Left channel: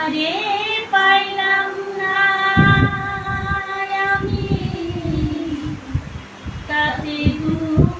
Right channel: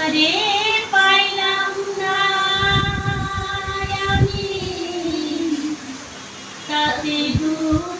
করে পাইলাম না। আমি তাতে দুঃখ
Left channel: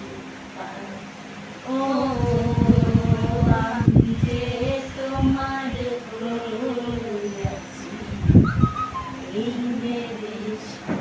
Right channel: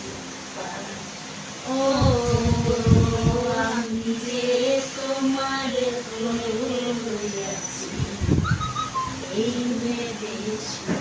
Amen. Amen.